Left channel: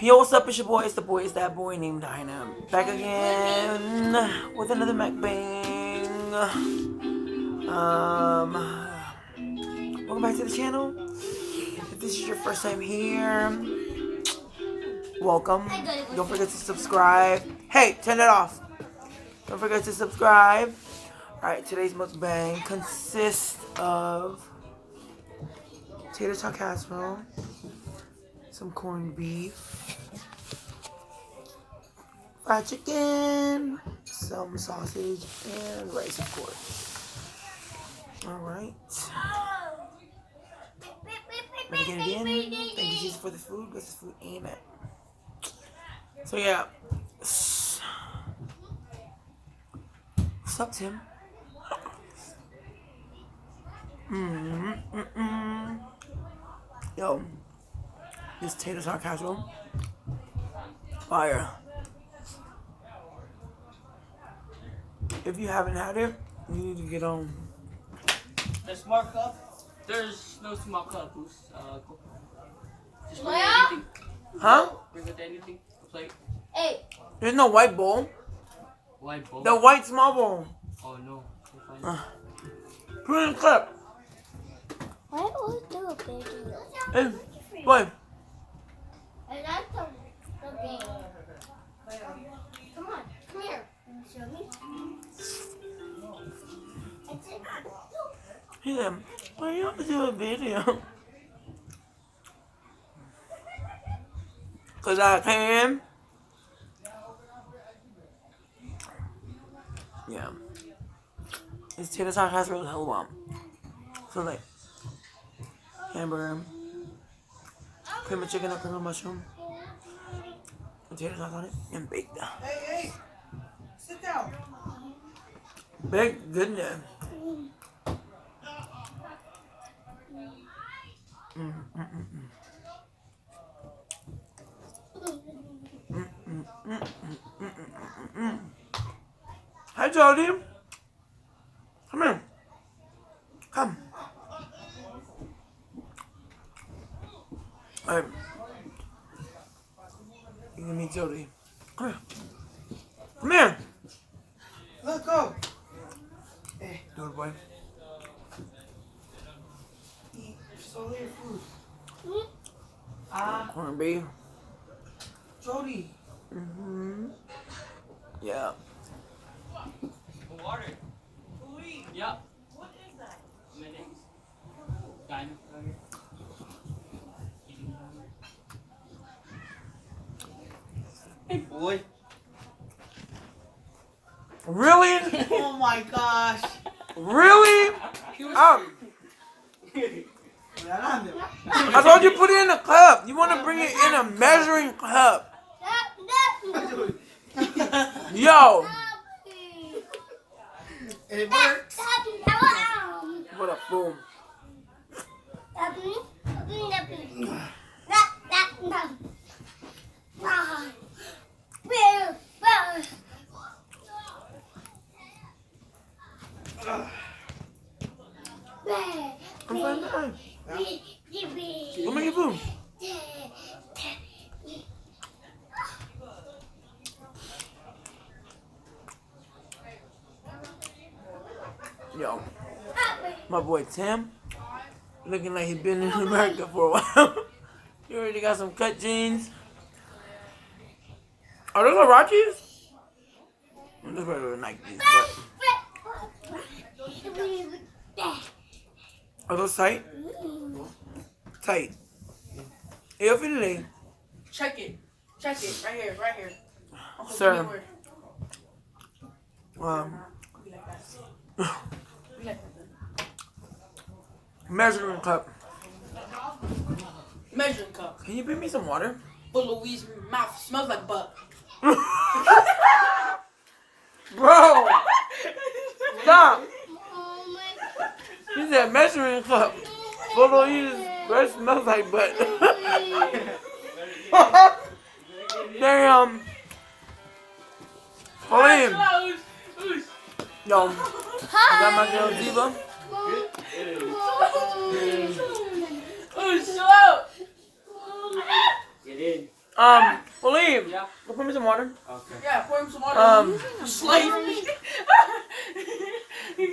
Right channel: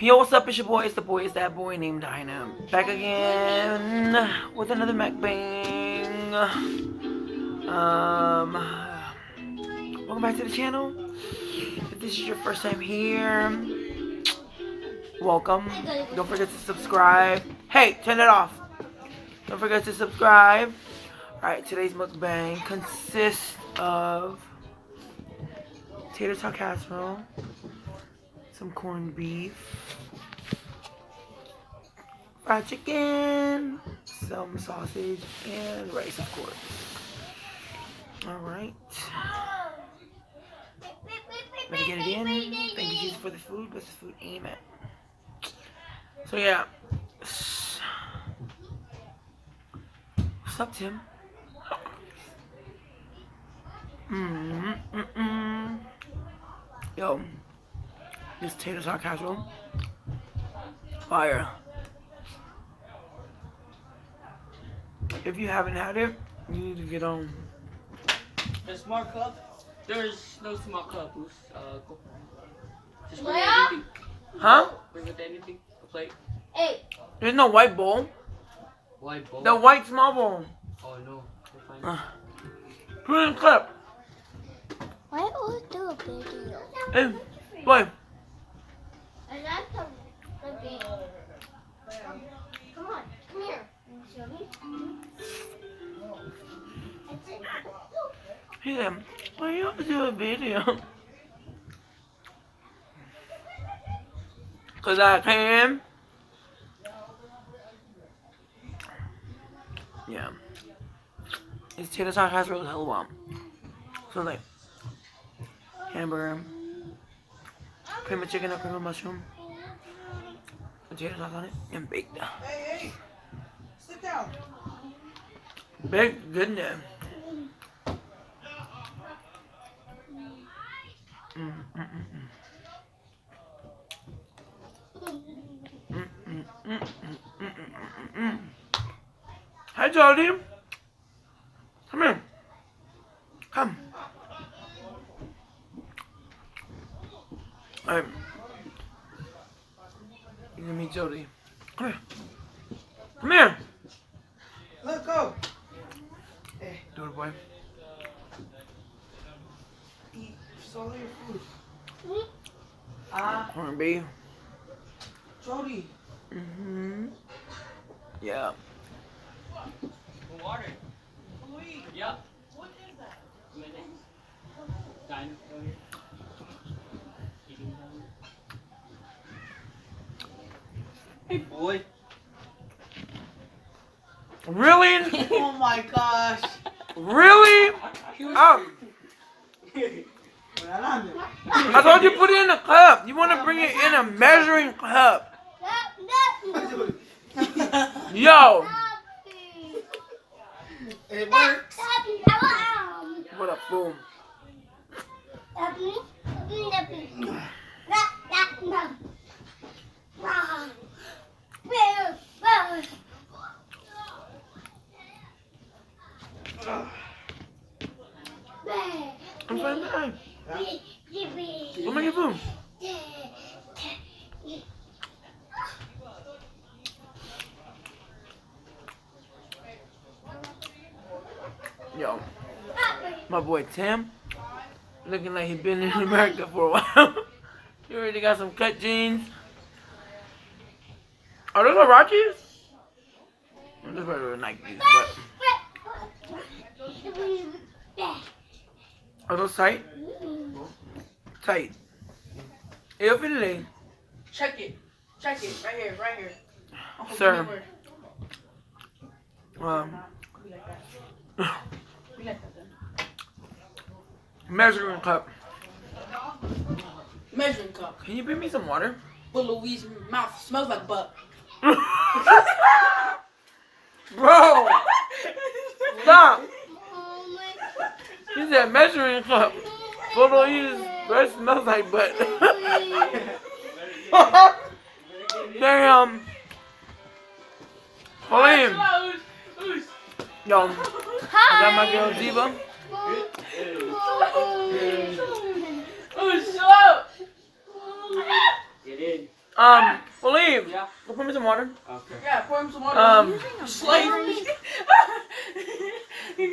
Yo, what's up? It's your boy. It's the boy. It's that boy named Dyna. Back again with another mukbang. Welcome back to the channel. If this is your first time here, welcome. Don't forget to subscribe. Hey, turn it off. Don't forget to subscribe. Alright, today's mukbang consists of TaterTot Casserole, some corned beef, fried chicken, some sausage, and rice, of course. Alright. Better get it in. Thank you, Jesus, for the food. Bless the food. Amen. So, yeah. What's up, Tim? Yo, this TaterTot Casserole, fire. If you haven't had it, you need to get on. The small cup? There's no small cup. Go. Just bring anything. Huh? Bring with anything. A plate. Hey. There's no white bowl. White bowl? The white small bowl. Oh no. We'll Put it in the clip. Why always do a video? Hey, boy. I like the game. Come on, come here. Show me. He said, why you always do a video? Cause I can. Yeah. It's TaterTot Casserole hell bomb. So like hamburger, cream of chicken or cream of mushroom, potato sauce on it, and baked. Hey, sit down. Baked goodness. Hi, Jody. Come here. Come. Alright. You can meet Jody. Come here. Come here. Look up. Hey, Do it, boy. eat. Swallow your food. Corned beef. Jody. Yeah. water. Yep. What is that? Mayonnaise. Dyna. Hey boy. Really? Oh my gosh. Really? I told you put it in a cup. You want to bring it in a measuring cup. Yo. It works. What a boom. I'm fine. Go make your food. Yo, my boy Tim, looking like he been in America for a while. He already got some cut jeans. Are those Huaraches? Those are Nikes, but are those tight? Tight. Eu filei. Check it. Check it. Right here. Right here. Sir. Measuring cup. Measuring cup. Can you bring me some water? But Louise's mouth smells like butt. Bro! Stop! He said measuring cup. Photo his breath smells like butt. Damn. Pauline. Yo, I got my girl Diva. Who's slow? Get in. William, Yeah. go pour me some water. Okay. Yeah, pour him some water. Slave. He's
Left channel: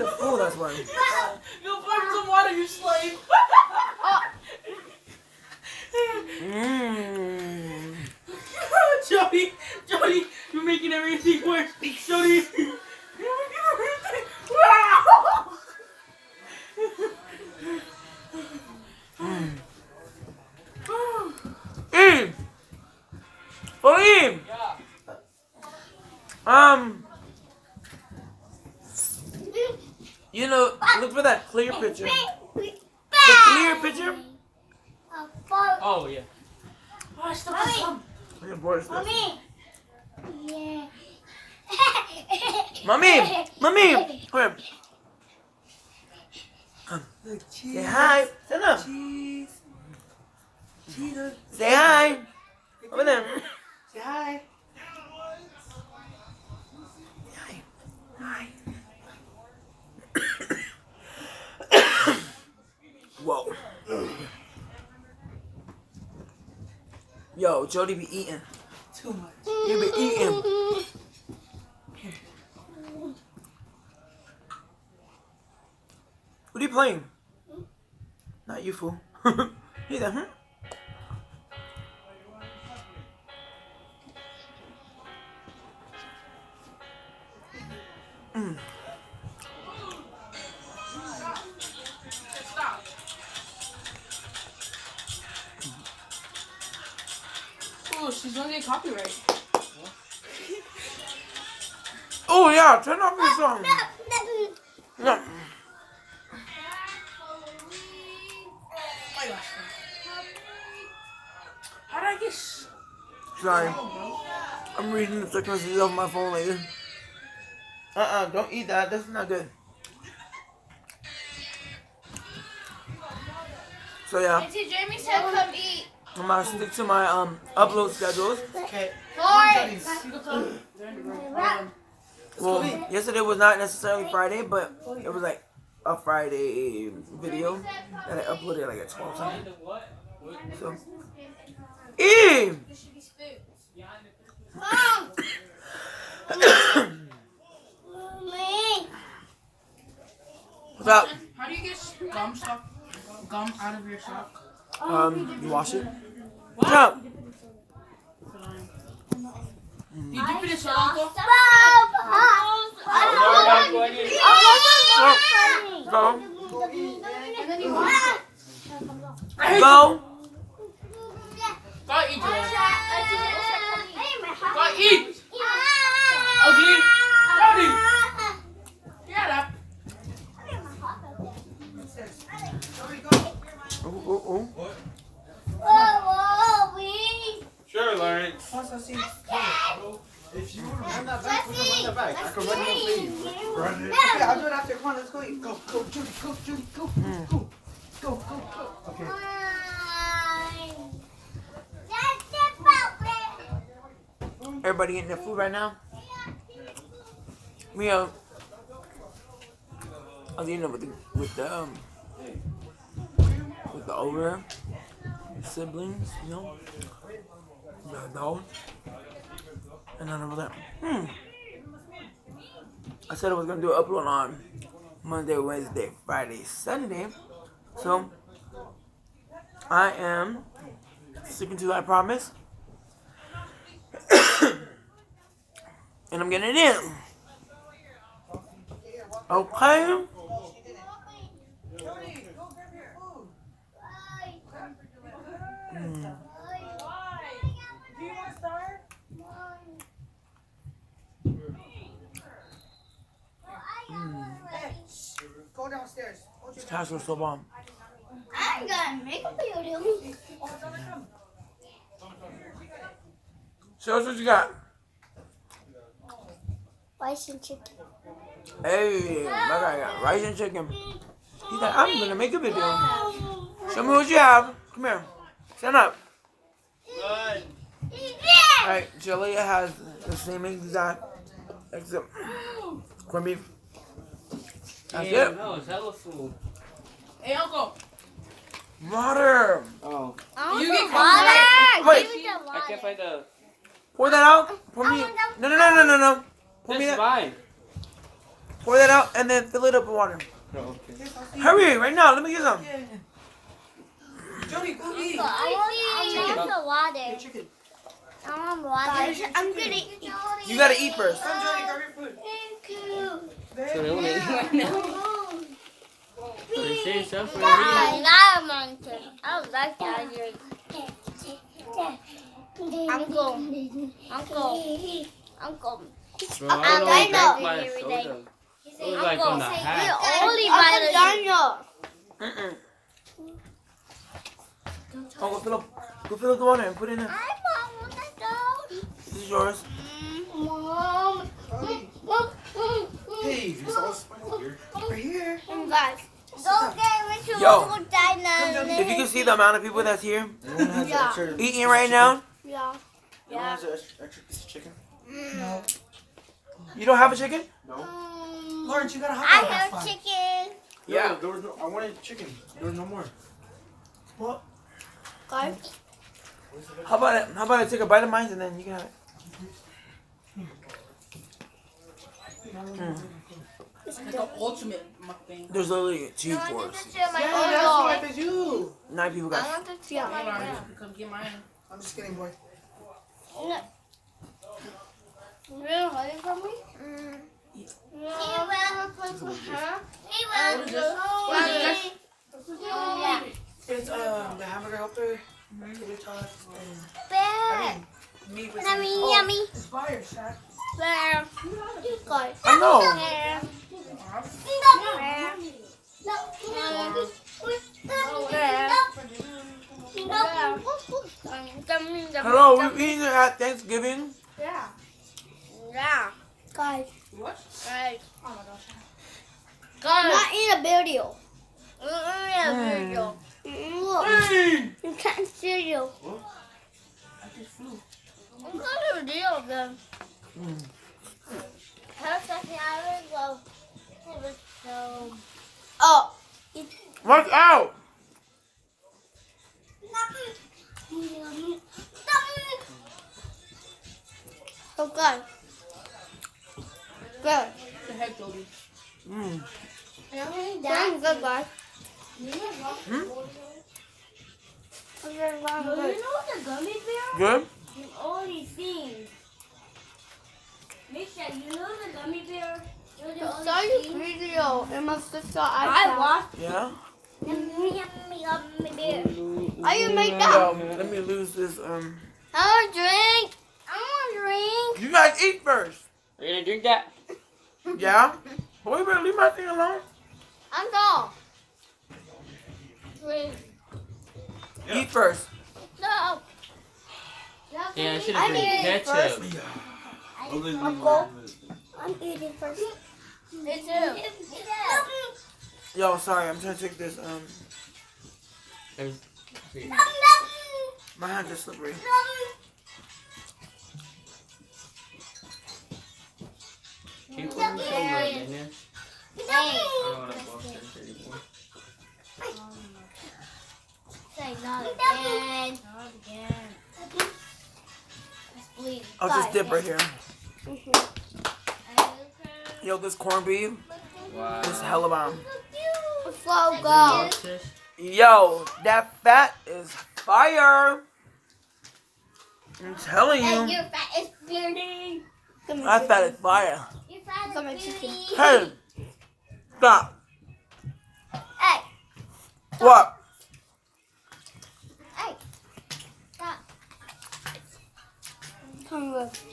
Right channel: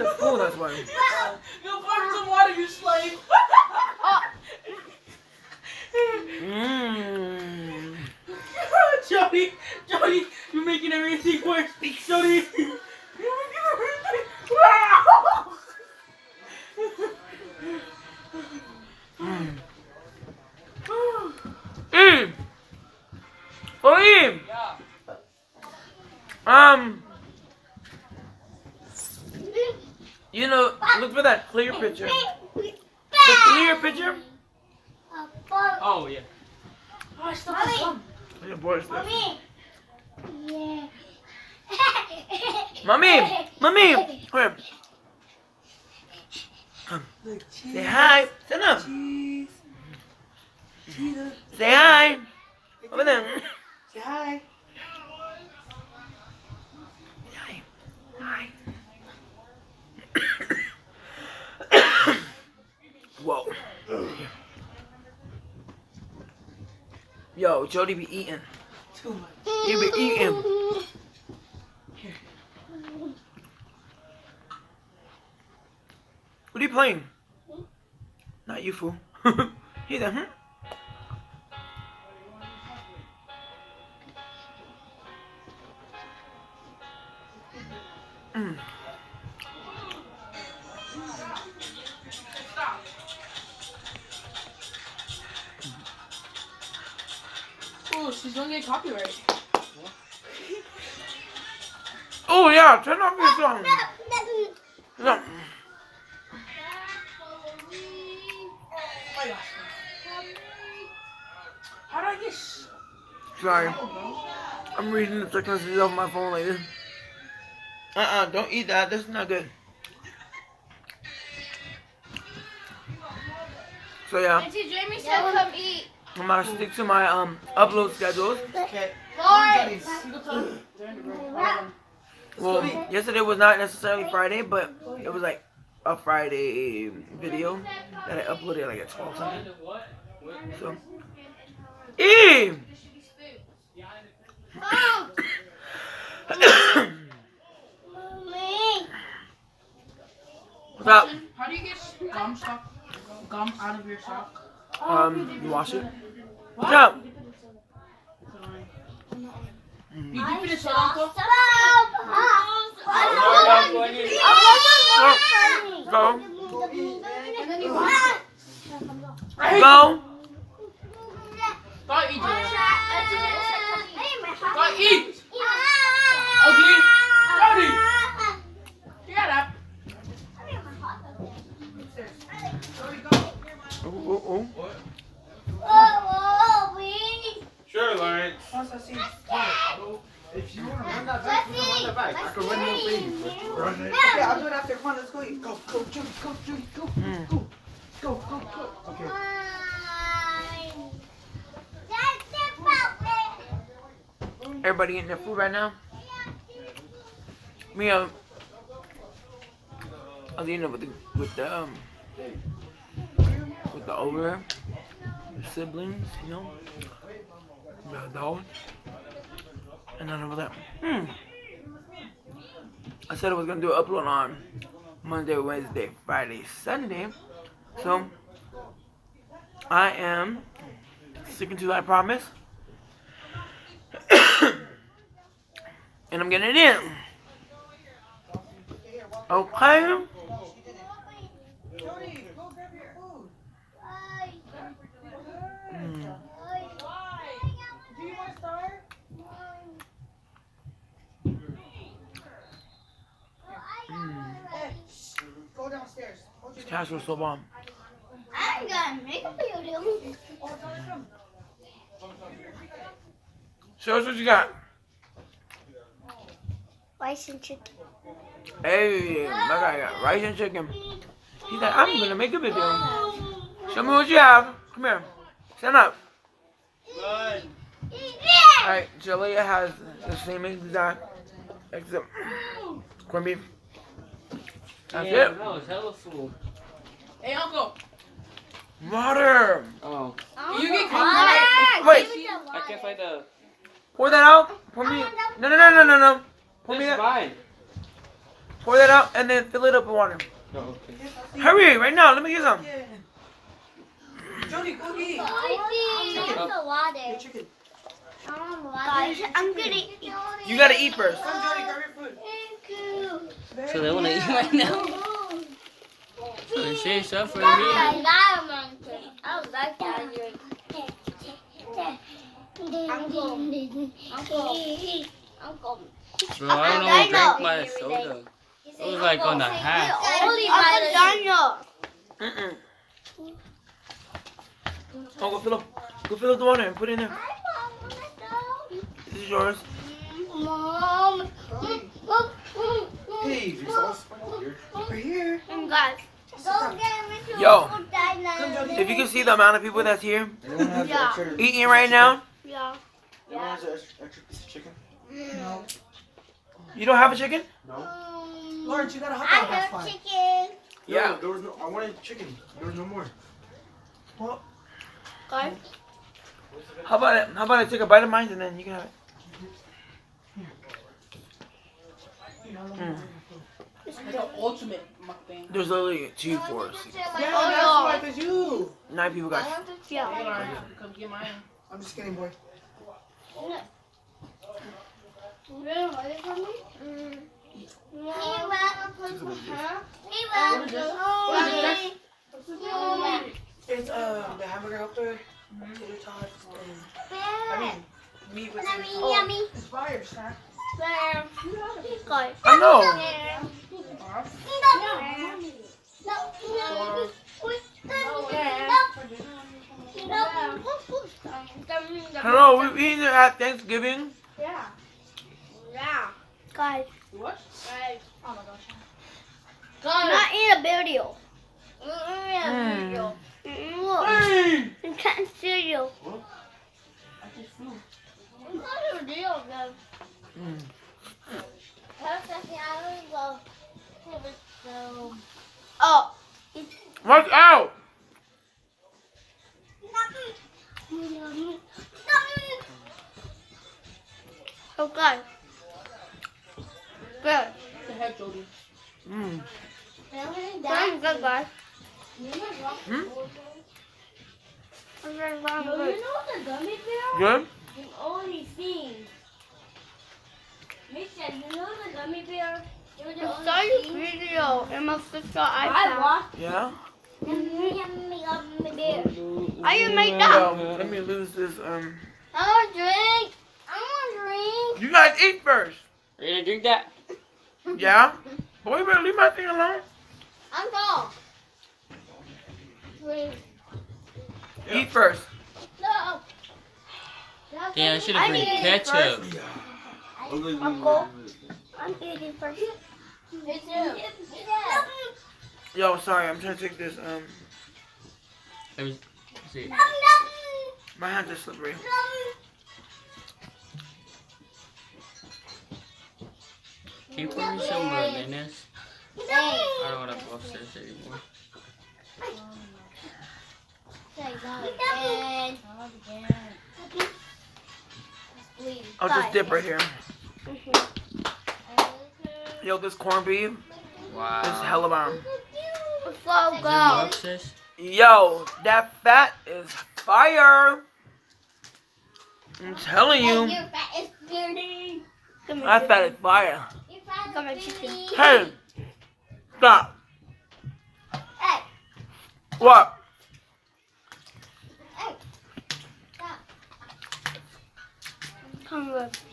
a fool, that's why. No, pour him some water, you slave. Mmm. Jody, you're making everything worse. Jody. Mmm. Mmm. William. You know, look for that clear picture. The clear picture. Oh yeah. Yeah, boy, it's this. Yeah. Mommy, mommy, come here. Say hi. Stand up. Cheese. Cheese. Say hi. Over there. Say hi. Hi. Hi. Whoa. Yo, Jody be eating. Too much. He be eating. What are you playing? Not you, fool. He there, hmm? Mm. Oh, she's gonna get copyright. Oh yeah, turn off your song. No. How did I get? Sorry. I'm reading the text messages off my phone like this. Don't eat that. That's not good. So yeah, Auntie Jamie said come eat. I'm gonna stick to my upload schedules. Okay. Lawrence. Well, yesterday was not necessarily Friday, but it was like a Friday video that I uploaded like at 12 something. So, what's up? How do you get gum out of your sock? You wash it. What's up? You dip it in soda, Uncle? Go. Go. Go eat, Joel. Go eat. Ugly. Jody. Get up. Oh. Sure, Lawrence. Once I see If you want to run that back, we can run that back. I can run your feet. Run it. Okay, I'll do it after. Come on, let's go eat. Go, Judy. Go, Judy. Go. Go. Okay. Everybody getting their food right now? Me, I was eating with the older siblings, you know, the adult, and then I was like, I said I was gonna do an upload on Monday, Wednesday, Friday, Sunday, so I am sticking to that promise, and I'm getting it in. Okay. Go downstairs. This casserole's so bomb. I'm gonna make a video. Show us what you got. Rice and chicken. Hey, my guy got rice and chicken. He's like, I'm gonna make a video. Show me what you have. Come here. Stand up. Good. Alright, Jalea has the same exact, except corned beef. That's Damn, it. that was hella full. Hey, Uncle. Water. Oh. can't find the. Pour that out. Pour me. No. Pour me This is that. mine. Pour that out and then fill it up with water. Oh, okay. Hurry, right now. Let me get some. Jody, go eat. I Chicken. Guys, I'm gonna eat. You gotta eat first. Come, Jody, grab your food. So they want to eat right now. They say something. I don't like that. Uncle. Bro, I don't drink my soda. It was like on the hat. Only my Mm-mm. Oh, go fill up the water and put it in there. This is yours. Mom. Hey, there's all spider here. Over here. Guys. Yo, if you can see the amount of people that's here Anyone has Yeah. extra? eating right now, Yeah. Anyone has an extra piece of chicken? No. you don't have a chicken? No. Lawrence, you got a I hot dog. That's have fine. chicken. Yeah. There was no. I wanted chicken. There was no more. What? Guys. How about I take a bite of mine and then you can have it. The ultimate mukbang. There's literally 2, 4, 6, Yeah, that's why it's you. 9 people got. Yeah. Come get mine. I'm just kidding, boy. It's the hamburger helper, tater tots, meat with some. Yummy. It's fire, Shaq. Guys. I know. Hello, we're eating it at Thanksgiving. Yeah. Guys. What? Not in a video. Mm. Look. You can't see you. I just flew. Mm. Oh. Watch out! Oh, God. Good. The heck, Jody. Mm. Good, good, guys. Hmm? Good. the gummy bear? Good? You've only seen. Misha, you know the gummy bear? You're the I only saw your seen. video and my sister I iPad. watched Yeah? yummy gummy bear. How you make Yo, that? let me lose this. I want to drink. I want to drink. You guys eat first. Are you gonna drink that? Yeah? Boy, you better leave my thing alone. Uncle. Eat first. No. Yeah, I should have drank ketchup. Uncle. I'm eating first. Me too. Yo, sorry, I'm trying to take this. Let me see. My hands are slippery. Can you put me some mayonnaise? I don't want to go upstairs anymore. I'll just dip right here. Yo, this corned beef Wow. is hella bomb. So good. What's this? Yo, that fat is fire. I'm telling you, that fat is fire. Hey, stop. Hey. What? Hey. Stop. Come with.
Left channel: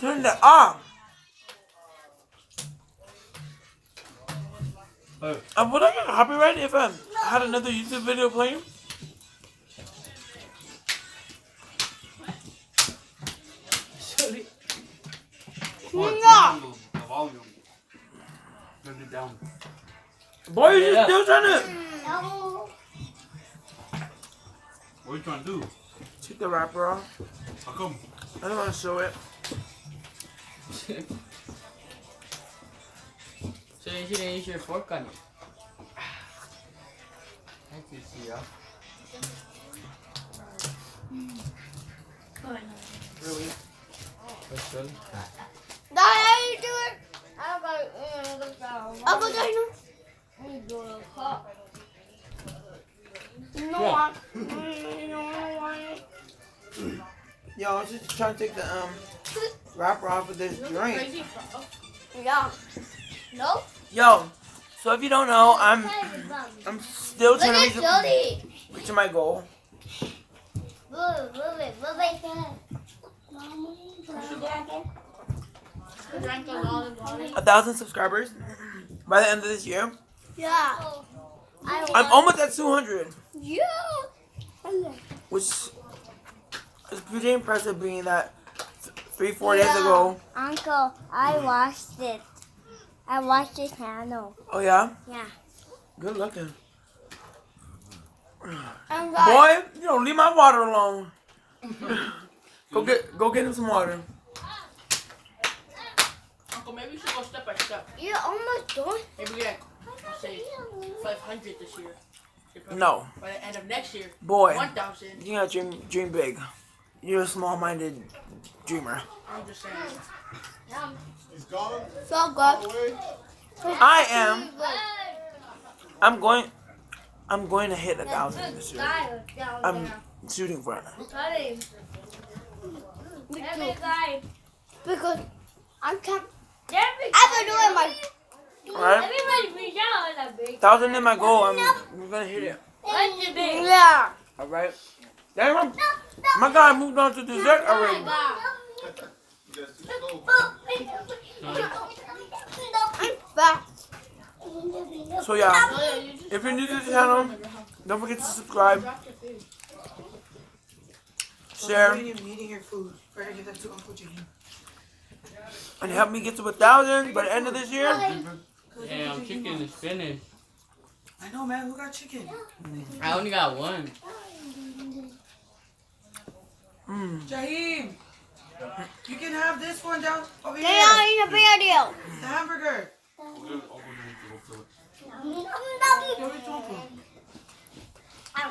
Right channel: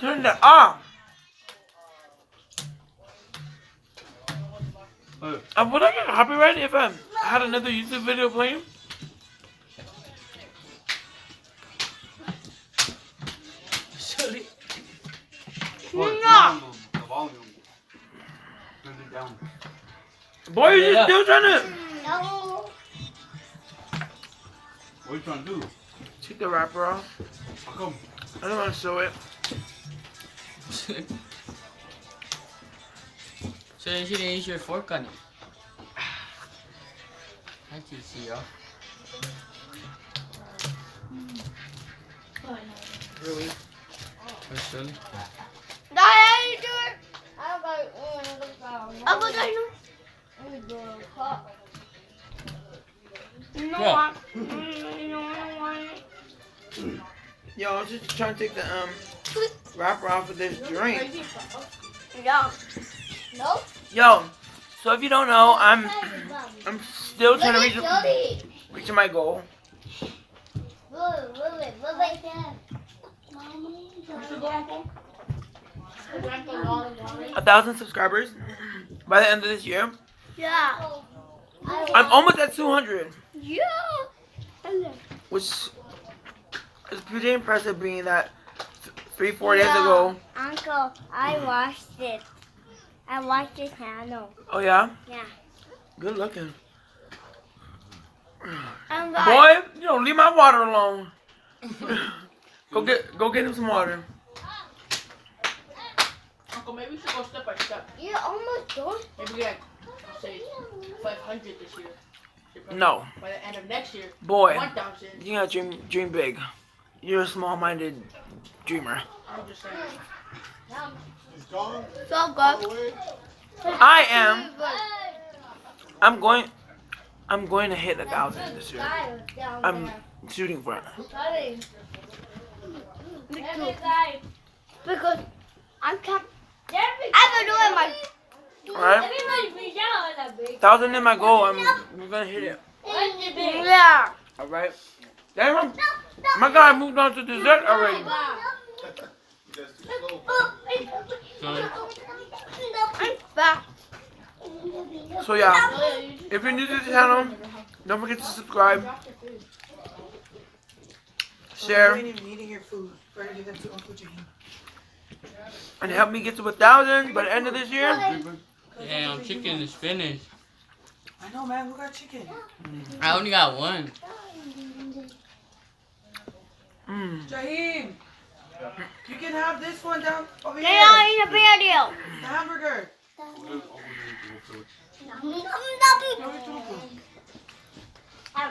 Turn that off. Would I get copyrighted if I had another YouTube video playing? Sorry. No. Boy, you just still trying to No. What are you trying to do? take the wrapper off. How come? I don't want to show it. So you should use your fork on it. That's easy, yo. Really? First one. Dad, how you do it? Uncle Dyna. No, Yeah. Yo, I was just trying to take the wrapper off of this drink. Yeah. No? Yo, so if you don't know, I'm still trying to reach my goal. Yeah. 1,000 subscribers by the end of this year. Yeah. I'm almost at 200, Yeah. which is pretty impressive, being that 3-4 days ago. Uncle, I watched it. I watched your channel. Oh yeah? Yeah. Good looking. And Boy, you don't leave my water alone. Go get him some water. Uncle, maybe we should go step by step. you're almost done. Maybe like, say, 500 this year. No. By the end of next year, Boy, 1,000. you gotta dream big. You're a small-minded dreamer. I'm just saying. He's gone. So good. Away. I am. I'm going to hit 1,000 this year. I'm shooting for it. Me too. Because I can't. I've been doing my. Alright? 1,000 is my goal. We're gonna hit it. Yeah. Alright? Damn, my guy moved on to dessert already. You guys too slow. So yeah, if you're new to the channel, don't forget to subscribe, share, You ain't even eating your food. Better give that to Uncle Jane. and help me get to 1,000 by the end of this year. Damn, chicken is finished. I know, man. Who got chicken? I only got one. Jaheem, you can have this one down over They here. are in the video. The hamburger.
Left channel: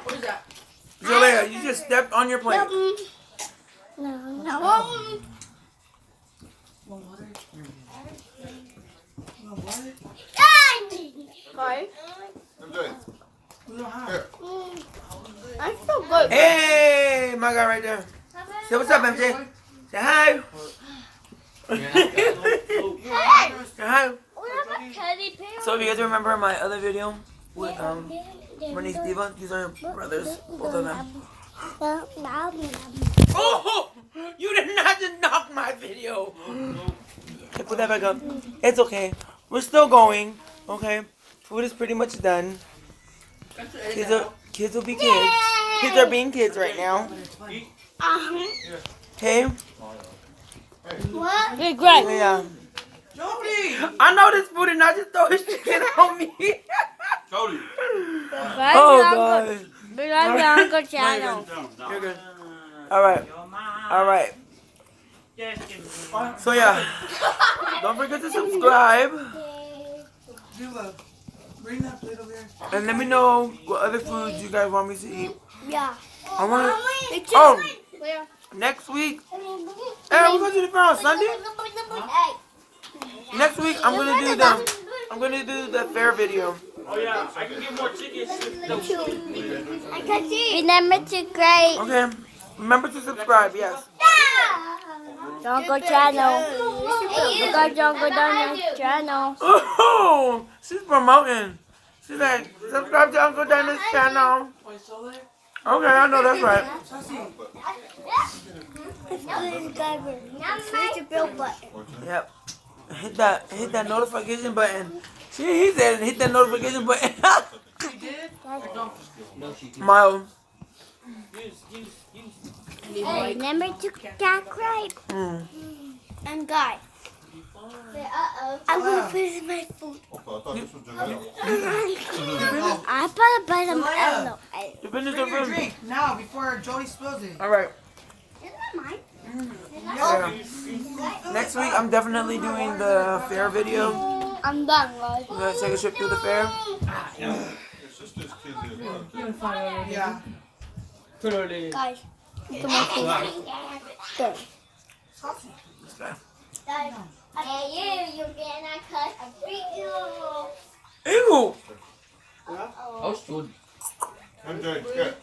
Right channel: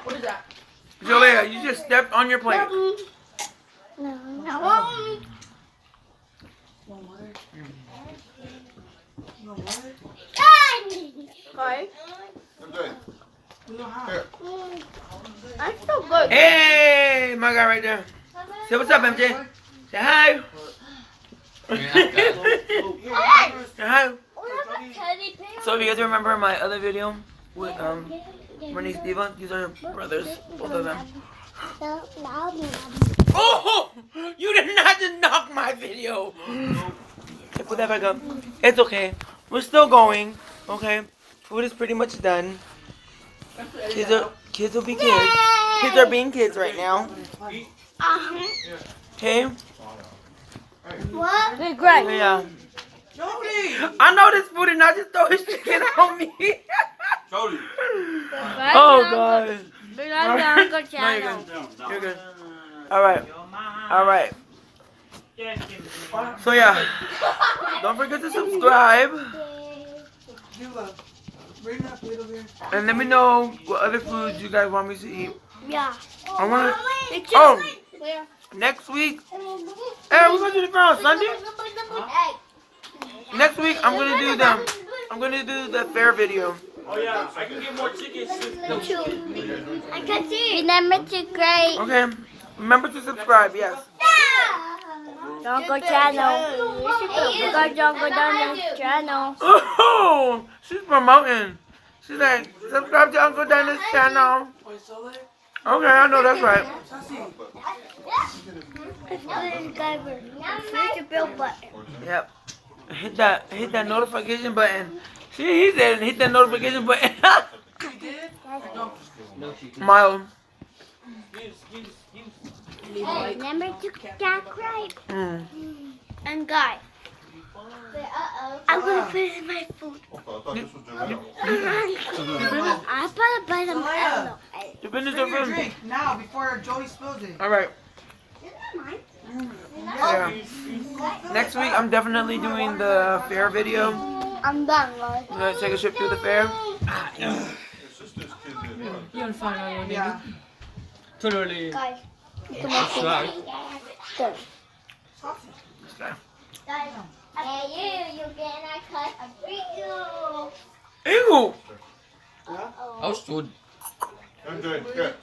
What is that? Julia, you just stepped on your plate. Want water? You want water? Guys, I'm good. We don't have. Here. I'm so good. Hey, my guy right there. Say what's up, MJ. Say hi. Say hi. So if you guys remember my other video with Renee Steven, these are brothers, both of them. Oh, you did not just knock my video. Okay, put that back up. It's okay. We're still going. Okay, food is pretty much done. Kids will be kids. Kids are being kids right now. Okay. What? Hey, Greg. Yeah. Nobody. I know this food and not just throw his chicken on me. Cody. Oh god. They are the Uncle No, you're channel. good. You're good. Alright. Alright. So yeah. Don't forget to subscribe. Dula, bring that plate over here. And let me know what other foods you guys want me to eat. Yeah. I wanna next week. Hey, we're gonna do the fair on Sunday? Next week I'm gonna do the fair video. Oh yeah, I can get more chicken. I can see. Remember to great Okay. Remember to subscribe, yes. Uncle channel. Go Uncle Dyna's channel. Oh, she's promoting. She's like, subscribe to Uncle Dyna's channel. Okay, I know that's right. Switch the bell button. Yep. Hit that notification button. See, he said hit that notification button. Mild. Remember to subscribe. And guys, I'm gonna put it in my food. Okay, I thought this was I put a bite of Zelaya, You finished bring your your food? drink now before Jody spills it. Alright. Yeah. Next week I'm definitely doing the fair video. I'm done, guys. You gonna take a trip through the fair? You're fine. Yeah. Totally. Guys, look at my face. There. Guys, hey, you gonna cut a video. Ew! I was good. I'm good. Good.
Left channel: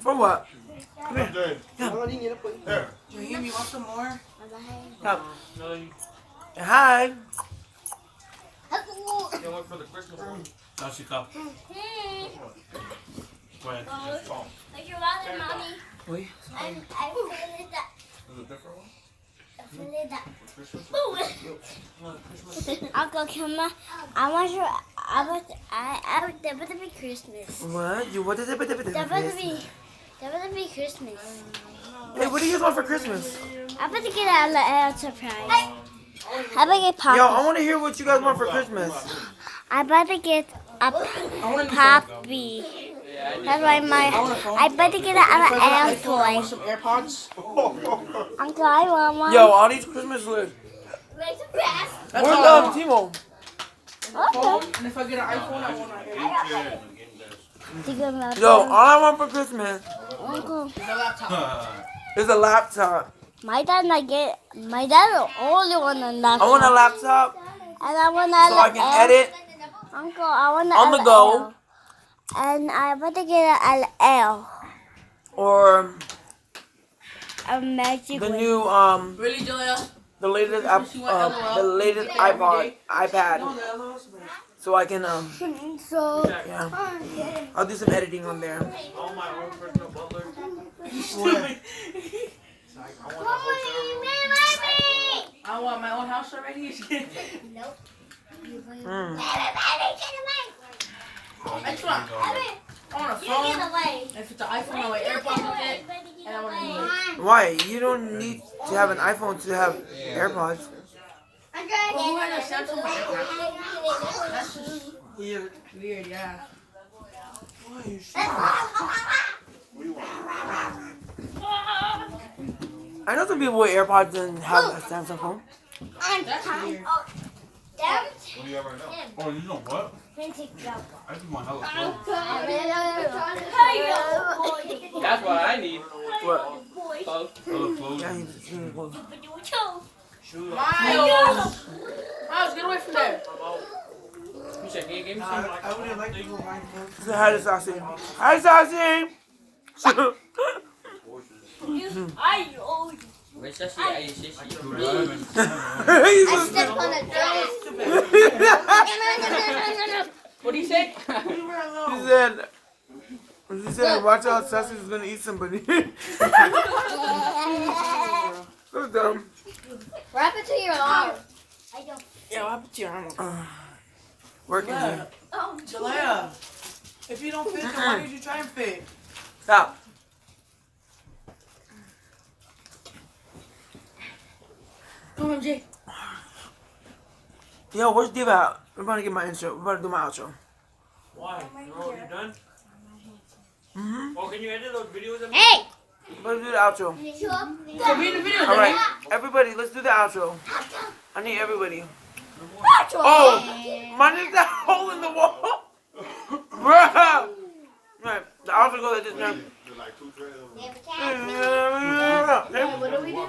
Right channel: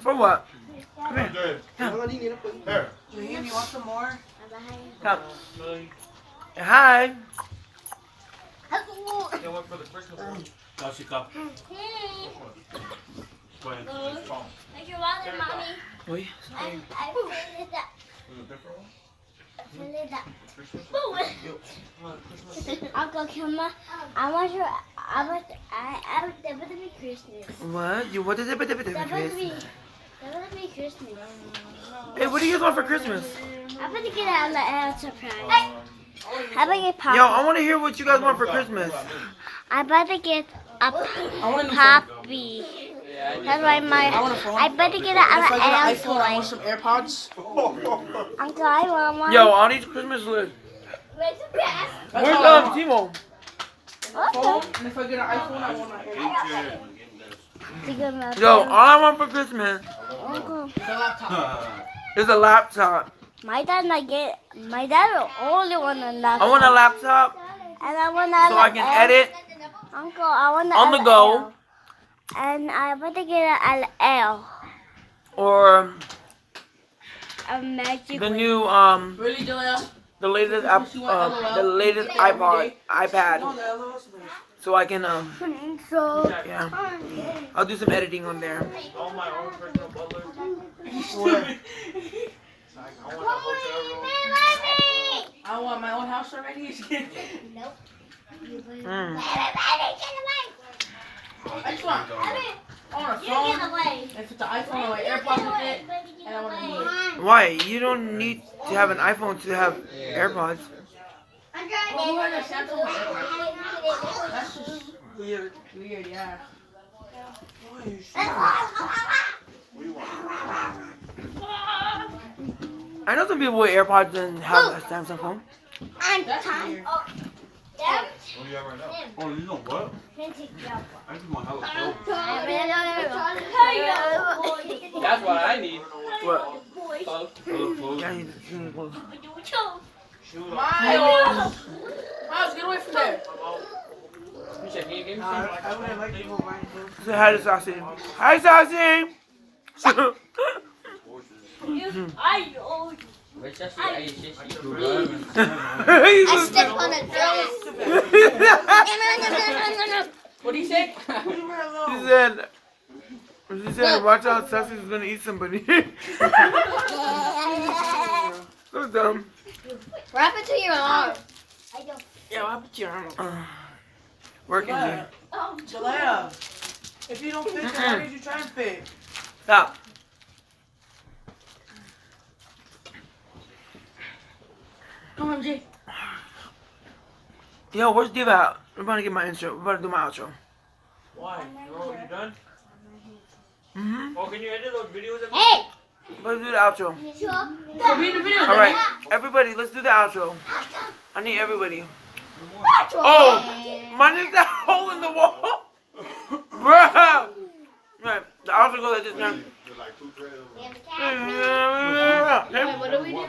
For what? Come here. Good. There. Julian, you want some more? Come. Hi. You want for the Christmas one? Jessica. When? Like your wallet, mommy. Oi. I filled it up. Is it a different one? I filled it up. Uncle Kilma, I want to be Christmas. What? You what is it? That would be Christmas. Hey, what do you guys want for Christmas? I'm about to get a surprise. I'm about to get Poppy. Yo, I want to hear what you guys want for Christmas. I'm about to get a Poppy. That's why I'm about to get an I want toy. some AirPods. Uncle, I want one. Yo, all these Christmas lists. That's Where's all I want. Timo? Phone, and if I get an iPhone, I want my AirPods. Yo, all I want for Christmas Uncle, The laptop. is a laptop. my dad the only one on that. I want a laptop And I want a so I can edit Uncle, I want on the go, And I'm about to get an L. or A magic. the new Really, Julia? the latest the latest iPad, so I can So, yeah, I'll do some editing on there. All my own personal butler. I want my own house already. Nope. Mm. I just want a phone. away. If it's an iPhone, I want AirPods with it. And I want to Why? You don't need to have an iPhone to have AirPods. Well, who has a Samsung AirPods? That's just Weird. weird, yeah. I know some people with AirPods and have a Samsung phone. That's weird. What do you have right now? Oh, you know what? I just want hella clothes. That's what I need. What? Oh. Hella clothes. Yeah, I need to see clothes. Miles! Miles, get away from there. You said, hey, give me some. I wouldn't like to go right now. Say hi to Sassy. Hi, Sassy! Where's that? I just I Step on a What do you say? She said, watch out, Sassy's gonna eat somebody. So dumb. Wrap it to your arm. Yeah, I'll put your arm. Working here. Jalea, if you don't fit, then why did you try and fit? Stop. Come on, Jake. Yo, where's Diva at? We're about to get my intro. We're about to do my outro. Why? Oh, you done? Mm-hmm. Oh, can you edit those videos? Hey! Let's do the outro. So be in the video. Alright, everybody, let's do the outro. I need everybody. Oh, mine is that hole in the wall. Bruh. Right, the outro goes like this now. What do we do?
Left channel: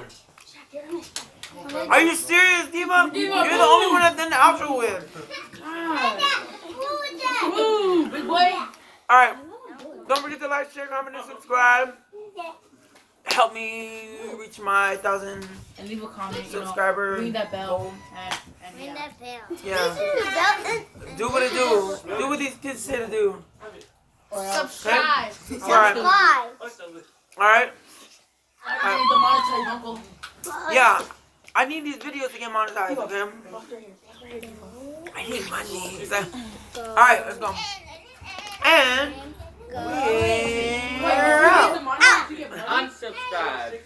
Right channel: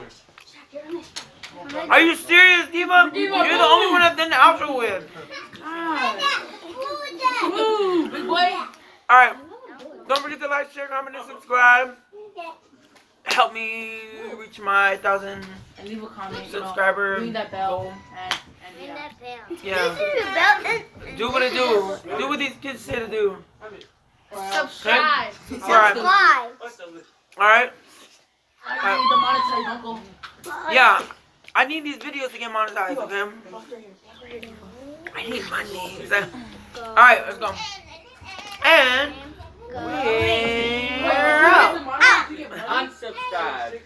Are you serious, Diva? You're the only one I've done the outro with. Woo, big boy. Alright, don't forget to like, share, comment, and subscribe. Help me reach my 1,000 And leave a comment. subscriber Ring that bell. goal. Ring that bell. Yeah. Do what it do. Do what these kids say to do. Subscribe. Alright. Alright. I need the monetary, uncle. Yeah. I need these videos to get monetized, okay? I need money. Alright, let's go. And we're out. Unsubscribe.